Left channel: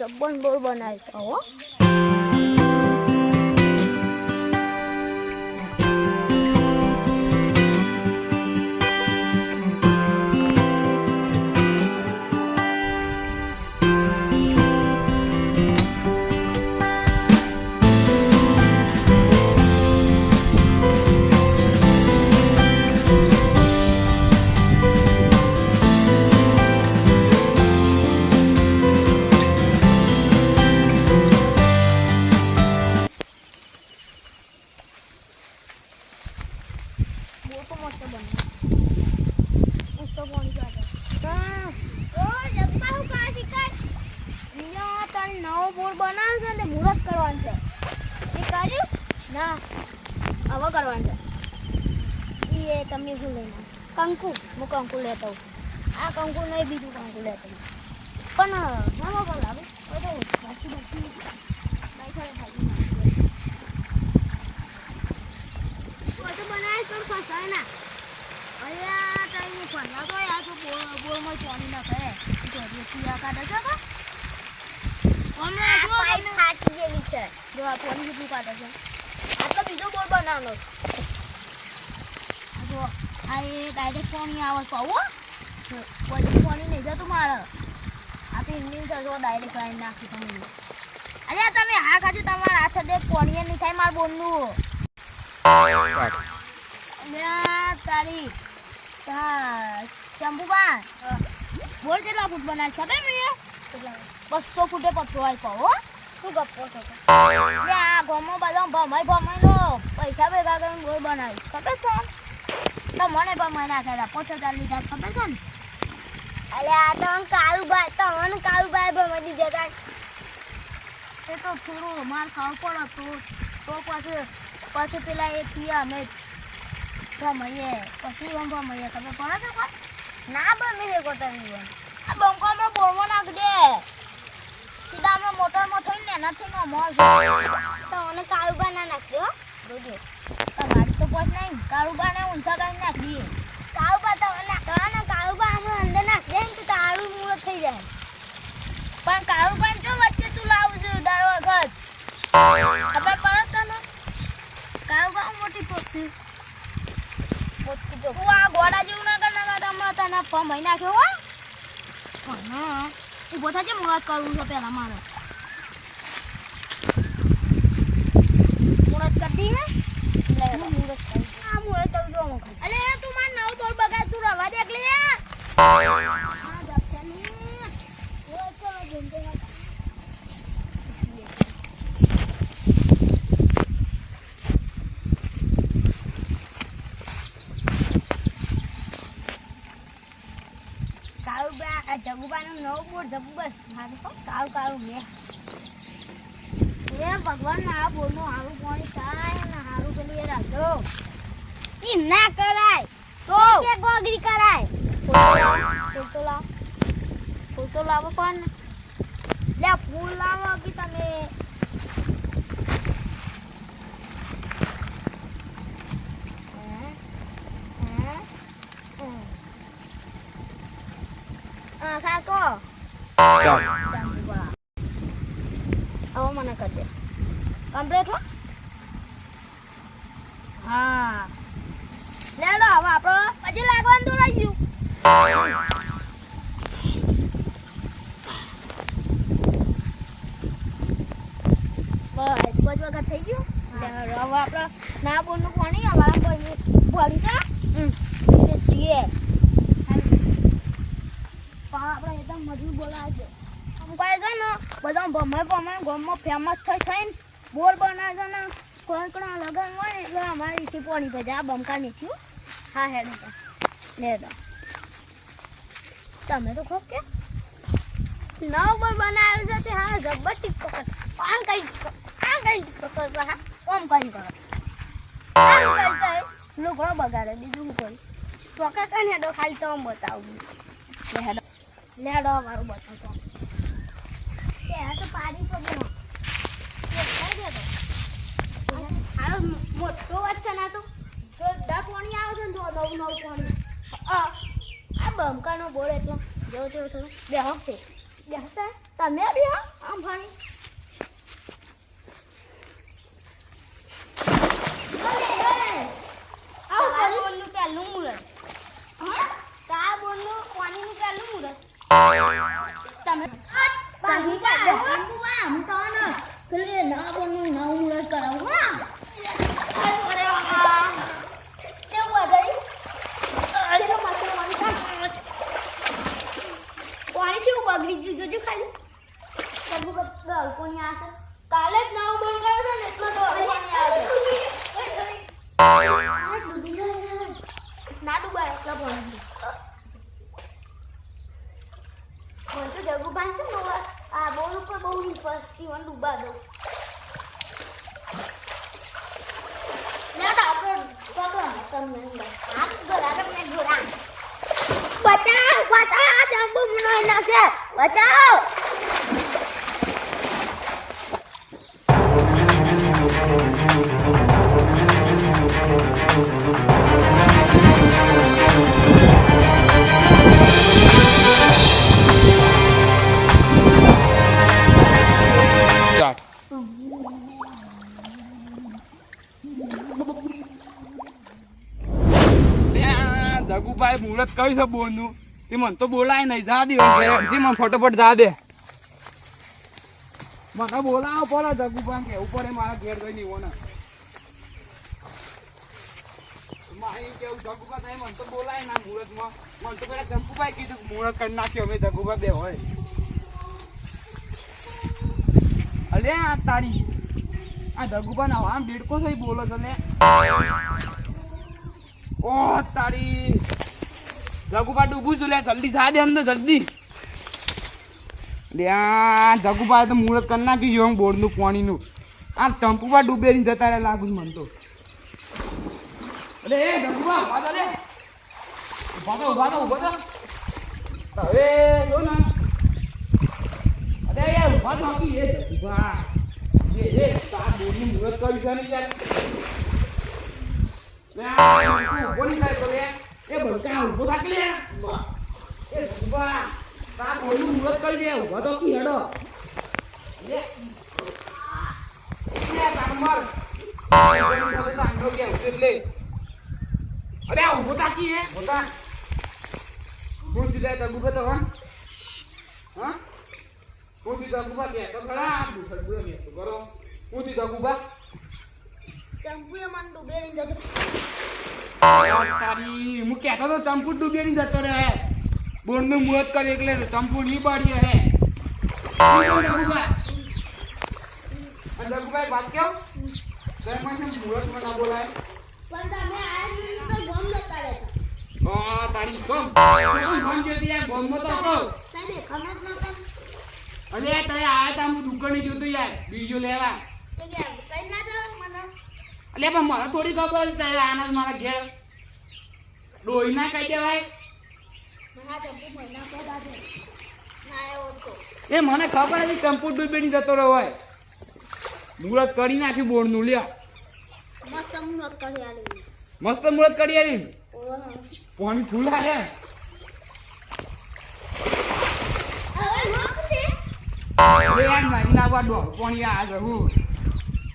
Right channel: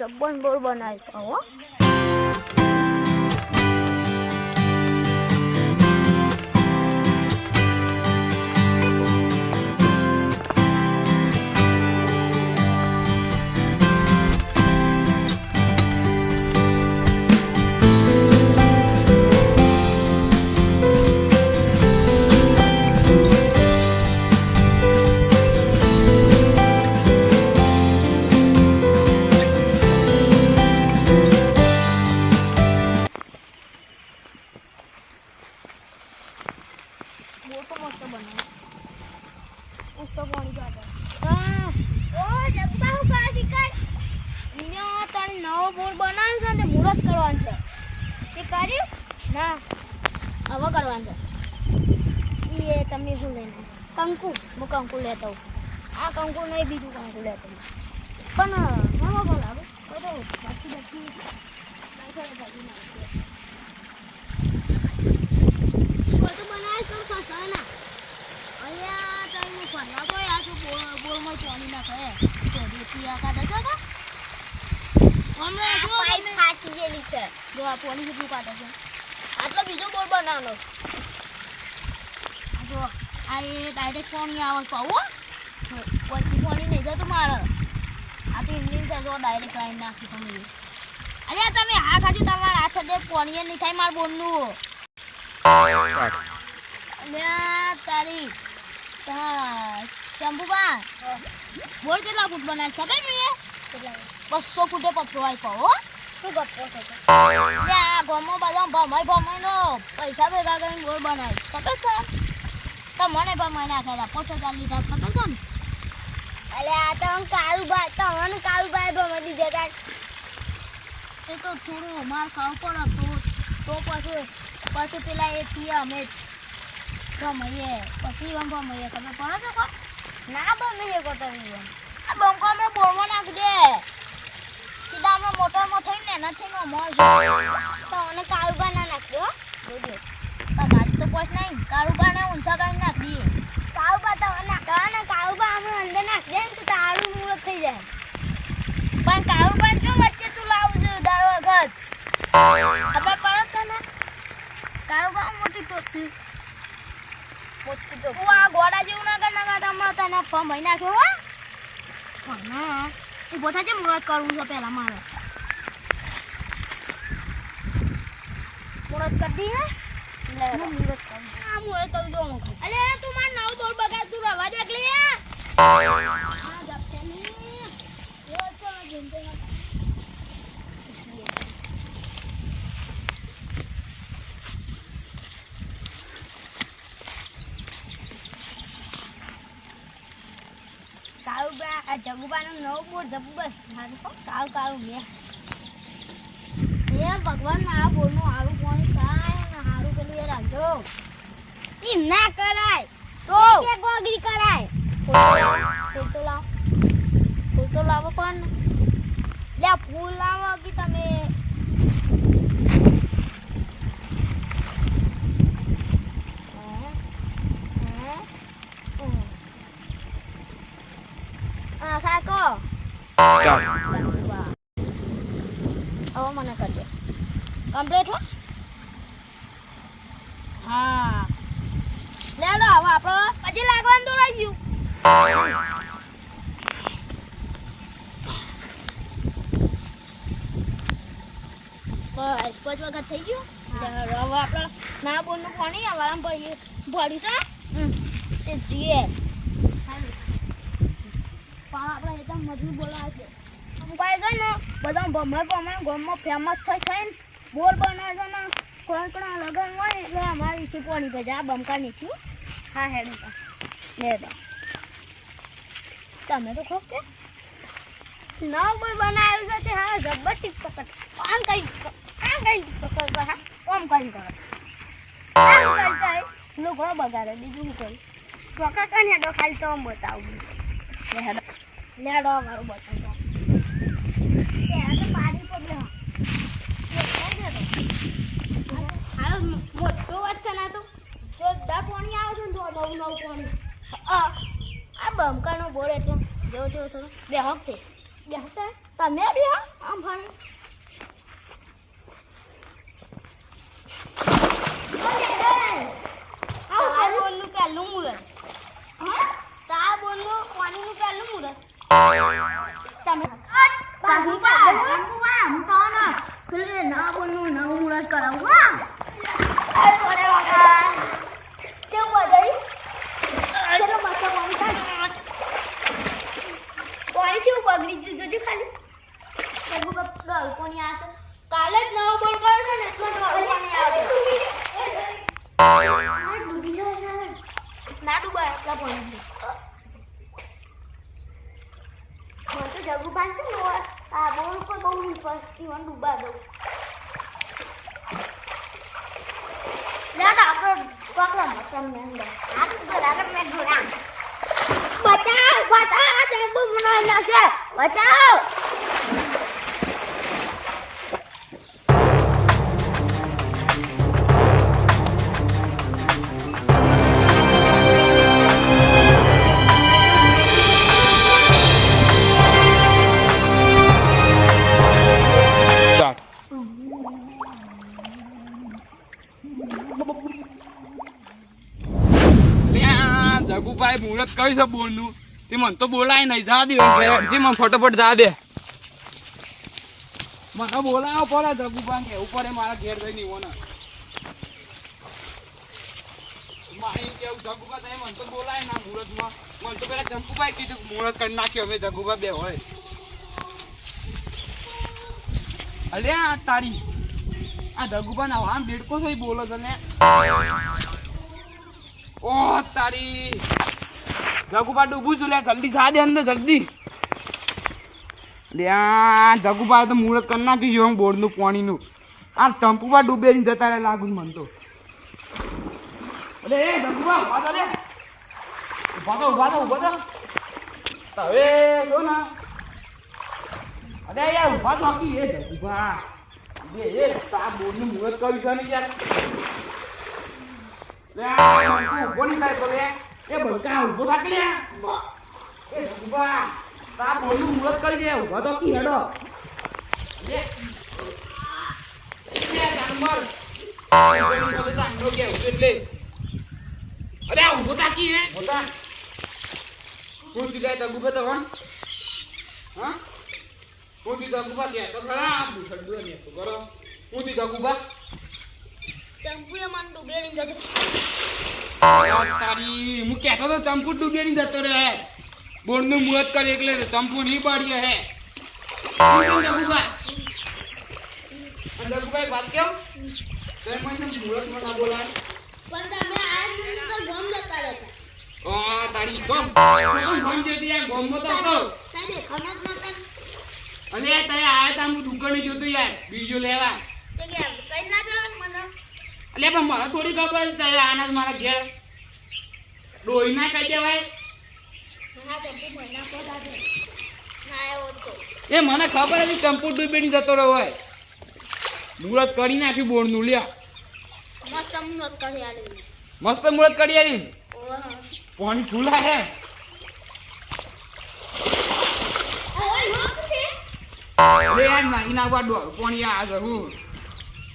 જબ્બર બોર બનાવી છે હો નવો બોર બનાવ્યો છે ને મુહૂર્ત કરવાનું છે એ કર્યું ના હવે કરવાનું છે એ તમને શું લઈને કંકુ હું કંકુ લેતો આ કંકુ નહીં બીજું કંકુ લેતો પણ હા બોલ આવું બધું બાકી બધું બનાવે તો ફસાય ના અહીંયા તારી ફર્યા તો આ તો બોરમાં પાણી નાખે તો કાઢે છે કે હમણાં જો પાઇપ ફાટી ગયેલી છે જો આ પાણી કેટલું કાઢે છે આ તો બીજો બોર બનાવવાનો આ જો આ એ ડાયરેક્ટ પાણી આવે પાવો પછી પાણી નહીં જતું મારે આ તો ઇન્જિન છે જો ડાયરેક્ટ લાઈન નાખી તમે અલ્યા તમે હા ખાજો તમારા હાથ દે પાણી નહીં થાય મારા બોરનું અલ્યા તારી ચંપુબા બોર કેટલા ફૂટ બનાવી ખબર મેં 200 ફૂટે પથરો આપ્યો હો શું ગપ્પો છો આ ગોમો બધા ભમાઈ નો પૈસા ભેગા કરીને બોર બનાવી ખબર છે તો મને ભમાઈ નાખ્યા 5000 લીધા ખબર છે ને અલે આ તો કારુભાઈ ભમાઈ દીધા એ તો થોડું માર ખાવ પડે તો પછી પેલા એ થયા અમે ભમાઈએ પછી ભમાઈએ ખબર પડે છે કોઈ ના ભમાઈએ કોતરી આ બંકામાં બોરમાં નાખ દે સીધા આપણે મોટરમાં થઈને નથી નો મોર તો અને કારુબા ના નાખ દો જોજો તમારી તો પોસ નહીં કારુબા ને ઊંચા કરીને નાખ દઈએ કારુબા તો નાખવા ને કારુબા આપણે અંદર નાખ દે તો તારું મૂળ થઈ જાય પણ કારુબા જો વચ્ચે તું લાવજો દર વખત ખબર પડે તને કારુબા મોટી ટોપી તું આ ગોડા જેવું ના કર હમણાં તને ફમાઈ નાખ્યો હો ના ઉભો થાય મુહૂર્ત કરવું છે પેલા મારે મુહૂર્ત કરી દઈએ મુહૂર્ત તો જો અલે તું માર નવ બોલ બગાડ તું રવા દે એટલે જગુબાનું નવું બોર જબુ બસ કાળું લે એ ભગવાન મારા બોરનું હારું પાણી થાય ને હારું પેલું એ રાખજો ઈ ના કરાય તો કે ગોગરી કરાય ફૂલ તો લાવો પણ લે ફૂલ લાવો કે તમે કાકો ઓ મને કરી દે કમ્પ્લીટ હો હા લેડો હવે આપણે પછી લાગવાનું તો રહી ગયું બસ 5 વખત થઈ ગયું હવે આપણે ના બોલનું પાણી આરામ ભર્યું છે જીએ આપણે એકદમ મજબૂત બોલાવે છે અંપાય છે ને બધા ભમાઈ ગામમાં ફેમસ થઈને બોર બનાવે છે ને કોઈકણા લગન હોય એટલે અમારી ચીપવાની ભેજા આ બમકા નીકળ્યું હા હેડ તમે તો ખોખ કે નવ બોર બનાવ્યું છે તે હા જબ્બર ટીક પકડ આમ કઈ પકડ હા ઓમ કઈ કરો લોકો બગાડે બીજું શું કરું ચોકા કને હેડો ખાલી તો આમ બતાવું લેડો મારું બતાવો તો પાડી પડ્યો હાલો મોટો વાત છે ના તો જો દર પાણી આવે છે ને તો નવું પાણી આ બમકાનો બોર એટલો જો થોડો બે હક છે બેસતા તમે બી આમ ભણી બોલનું પહેલું મુહૂર્ત હા તા બોલનું કોણીનું પહેલું મુહૂર્ત તમે હું તો ના પેલું ના બોલનું નવું મુહૂર્ત કરાવું હા અરે બાપા કેવું બધાઈ ચલો બચ્ચા પાણી કેવું બગડી ગયું જોજો ખાલી સગુ ગલ કોની આશે કાલે જ નવો બોલ કર્યો છે ને એટલો તો કોની આવે ના ડૂબાય એટલા પાણી હું તો જગુ બાંધશે ને આ બોલ ઉપર બહુ ફસ્ટી વન ડૂબા દઉં લેટ આપણો પકડો તમને અંદર હાથ ગરાગર મેં ગોરા બચાવ બચાવ જંબુ મનો નાખે બચાવ જગુભાઈ મુહૂર્ત કરી છે બોલનું તે મને તો બોલાય નહીં જા દે મને ફટોફટ જા દે મને બોલાવો પડે જગુભાઈ કે ઉપર મારા ઘેર ગઈ નહીં હોને મારી કેવું જગુભાઈ થાય મને તો બોલાય ના મુહૂર્તમાં મને તો પેલા ચંપુભાઈ કીધું મુહૂર્ત કરી નાખ્યો અમે જગુભાઈ બે હોય અલ્યા તારી આ જગુભાઈ ના આમ દેડકો થઈ બોલો છો ને ઓ તારી જગુબા ડૂબું છું લે જલ્દી જા દે અંદર જલ્દી લ્યા જગુબા તો મુહૂર્ત કરી નાખ્યું છે બોર્ડનું પાણીનું આ ટંપુબા ડૂબેરી જતા રહે લાગુ મન તો અરે એ જગુબા ઉભા તો લે ઉભા તો હવે જો ને અરે યાર ઉભા તો આખી એ જગુબા એ આ બોર્ડનું મુહૂર્ત કર્યું છે ને યાર કોની થાય તો લે એ બલકા ઉભો થાક લે એ ઉભા તા બોલનું મુહૂર્ત કરી દે ઉભા તો કી હેડો લે તામર બોલનું તો આંડો કે એટલે અરે ઉભો થાકી હે બોતા પૂછ લે તગુબા તો હા પૂછી તગુબા કે તો ખરા આ બુઠડું ને તો કરો પૂછી તગુબા ચંપુએ મન ડૂબેરી જતો તારી હું કહેતો તો ચંપુ ડૂબેરી જતો રે બોર્ડનું મુહૂર્ત કરે એટલે ચંપુ નહીં પાડીએ હે જગુભાઈ વાત કેવું તો મને મુહૂર્તમાં ના બોલાય પણ તમે આ તો ગમ જતા રહેતા હા તારી ગમ જતી આ ગમમાં તો હતો તારે દેખાનો જ નતા અરે તય આયા તા હું દુકાને જોતો યાર બીજો લેવા તે કે કઈ ના જાવ મને અલે પણ મને થોડી ખબર છે આના મારા ઘેર ડોઈ ના કહી દેવાય ના ચંપુ મહિના પર આજે ના આવ્યો તો એ મને ખબર હતી ચંપુ ડૂબીને જતો રહ્યો હોય મુહૂર્ત કરી નાખ્યું બોર્ડનું લ્યા મસ્ત મુહૂર્ત કરી આલી મસ્ત મુહૂર્ત કરી આલી ઓહ પાણી ખુલ્લા હે ઓય લોક છે અરે યાર નાની નાગવા ડોર પાણી આ જવું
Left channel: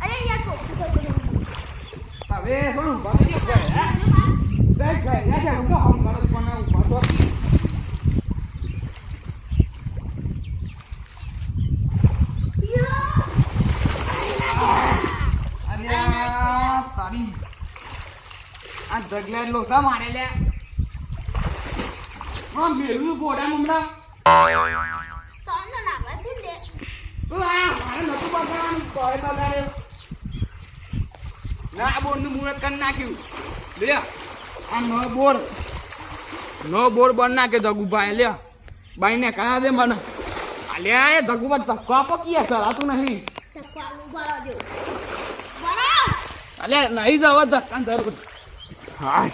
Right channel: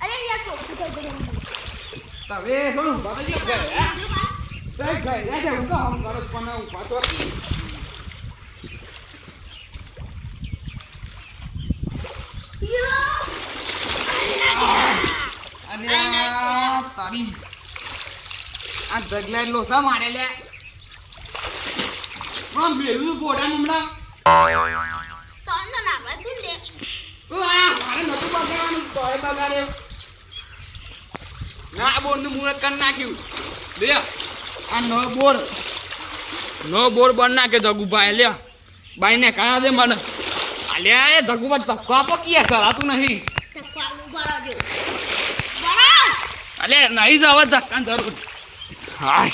અરે યાર ચોખ્ખું કરી દે હવે શું બને કે કરે હે કઈ કઈ લે હું તો આવું કરો પણ ઉભા તો તારી આ જગલા લોસા મારે લે આમ બેલું ગોડા મમડા તો અંદર નાખવા તું દે મારે નતું બગાડવાનું તોય બગાડ્યો ના બોર્ડનું મુહૂર્ત કરી નાખ્યું લે આ નો બોર્ડ બન નાખે જગુભાઈ લે બાઈને કાઢા દે મને અલ્યા એ જગુભાઈ ધક્કો આપો કિયા કરાતું નહીં તકવાનું બરાજો અલ્યા નહીં જવા ધક્કા જરૂર હાય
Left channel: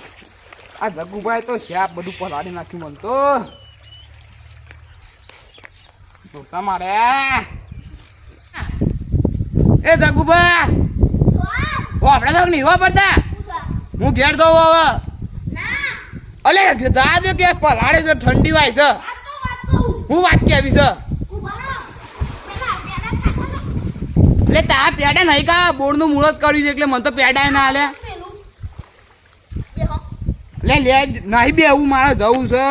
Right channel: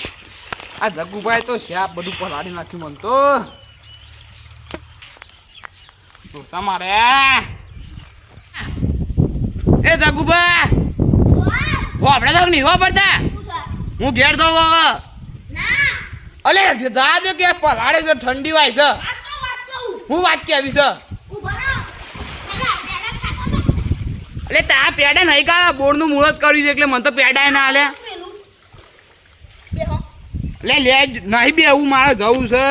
આ જગુભાઈ તો શાપ બધું પલાળી નાખ્યું મન તો ભૂસા મારે એ જગુભાઈ આપણે તો નહીં પડતા હું ઘેર દઉં હવે અલે જા દે કે પલાળે છે ઠંડી વાય છે હું વાત કે આવી છે એટલે તારા પેડા નહીં કા બોર્ડનું મુહૂર્ત કર્યું છે એટલે મને તો પેડા ના હાલે પેલું બેહો લે નહીં બેવું મારે જવું છે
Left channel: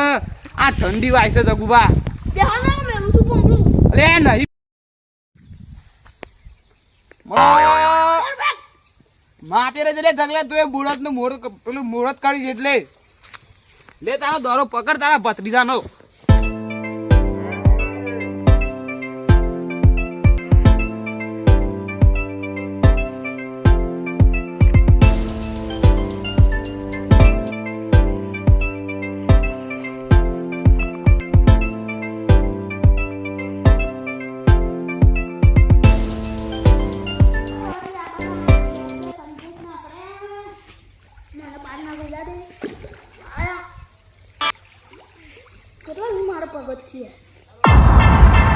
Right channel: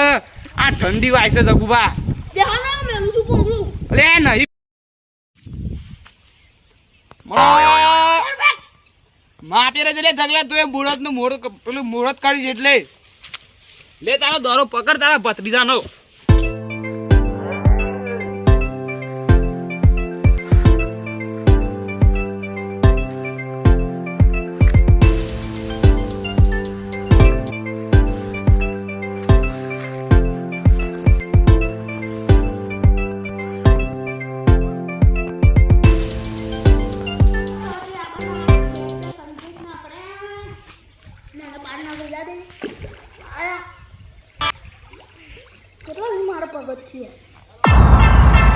આ ઠંડી વાય છે જગુભા બેહો ને મેલું છું પંગલું અલે નહીં માપે રે એટલે જગલે તું એ મુહૂર્ત નું મુહૂર્ત પેલું મુહૂર્ત કરીશ એટલે લે તારો દોરો પકડ તારા ભત્રીજાનો કેટલા મારા પગથિયા